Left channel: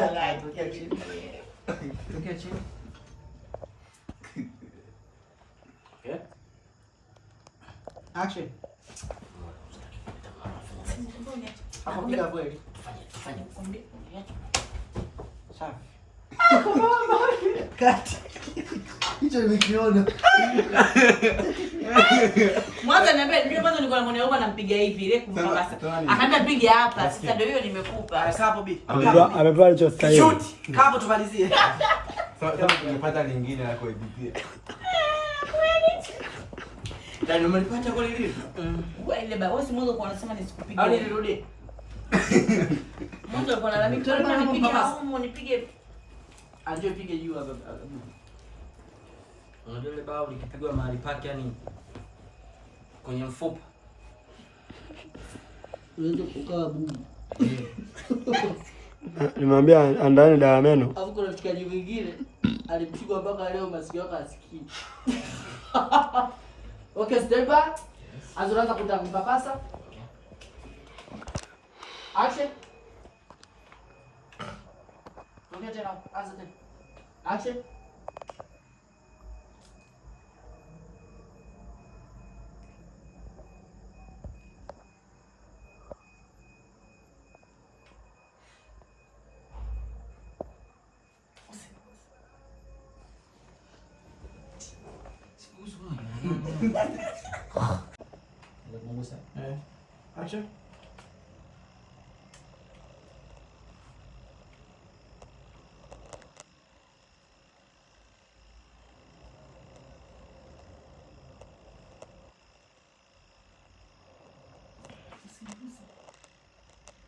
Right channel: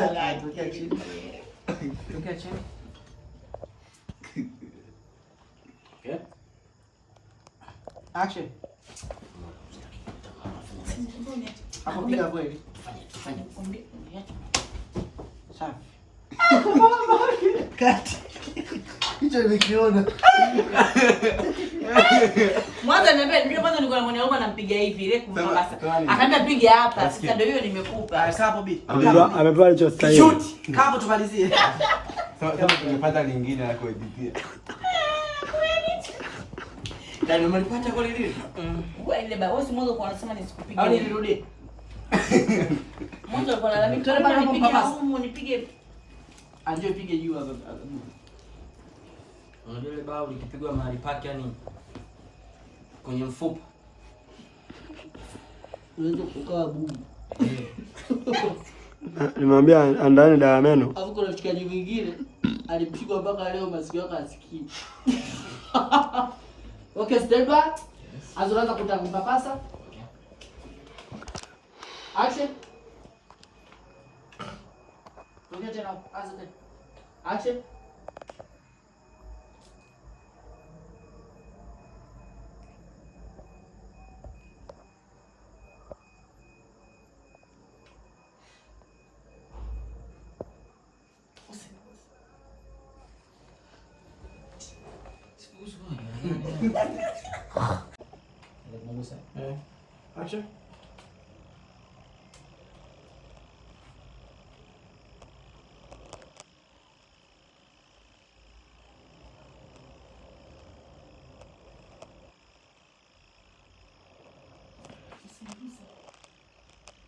Tokea chini. Tokea chini. Okay. Action. Hapo piga kweli. Sawa. Kati. Hicho nimekiona. Mwanzo niambia ndio kwanza niko na mwana wangu anampiga hivi ile kumpakasa. Akaambia piga hapa. Sasa ndio hiyo nimekupa. Kapo bi. Amepewa hicho style. Shoot. Kapo tumalizie. Kama tumepata lingine la kuedit. Ndio mlipata kwa lile. Wewe ile baba, wewe mwanzo kwa anasema nisikupige. Au nirudi. Mwanzo kwa lalamika tena baba nipige huko nipige. Anjoo pige juu hapo. Unajua ile bao likipigwa mahali pake yani kwenye mfupa. Unaweza kukaa bubu. Nimwambia andani dawa ya meno. Hapo kuna mshikaji mwingine alipigwa mpaka leo masikio yake asikii. Okay, step back. Azoanza kutaka kupapasa. Action. Rudia tena, anza tena. Action. Action.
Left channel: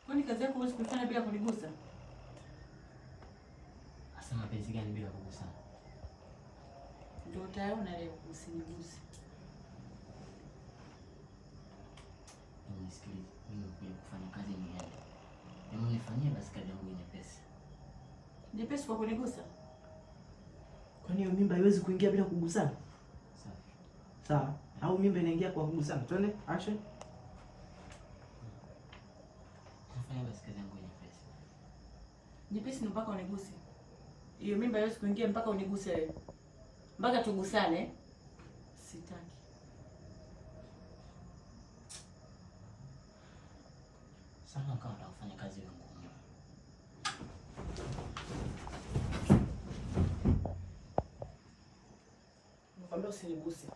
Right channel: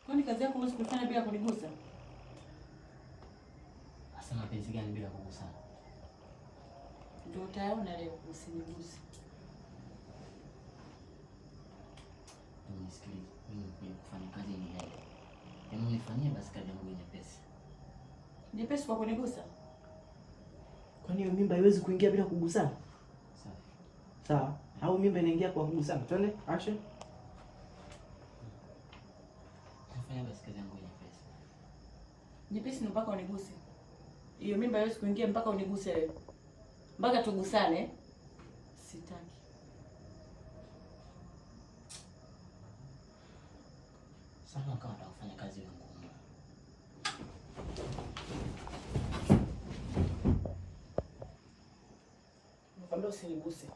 Kwani kazi yako unasifanya bila kunigusa? Sasa mapenzi gani bila kugusana? Ndio utayaona leo usiniguse. Nisikilize, mimi nimekuja kufanya kazi niende. Hebu nifanyie basi kazi yangu nyepesi. Nyepesi kwa kunigusa? Kwani hiyo mimba haiwezi kuingia bila kugusana? Sawa. Sawa. Au mimba inaingia kwa kugusana? Twende, action. Nifanyie basi kazi yangu nyepesi. Nyepesi ni mpaka uniguse. Hiyo mimba haiwezi kuingia mpaka uniguse wewe. Mpaka tugusane. Sitaki. Sana kama unafanya kazi ngumu. Nakwambia usiniguse.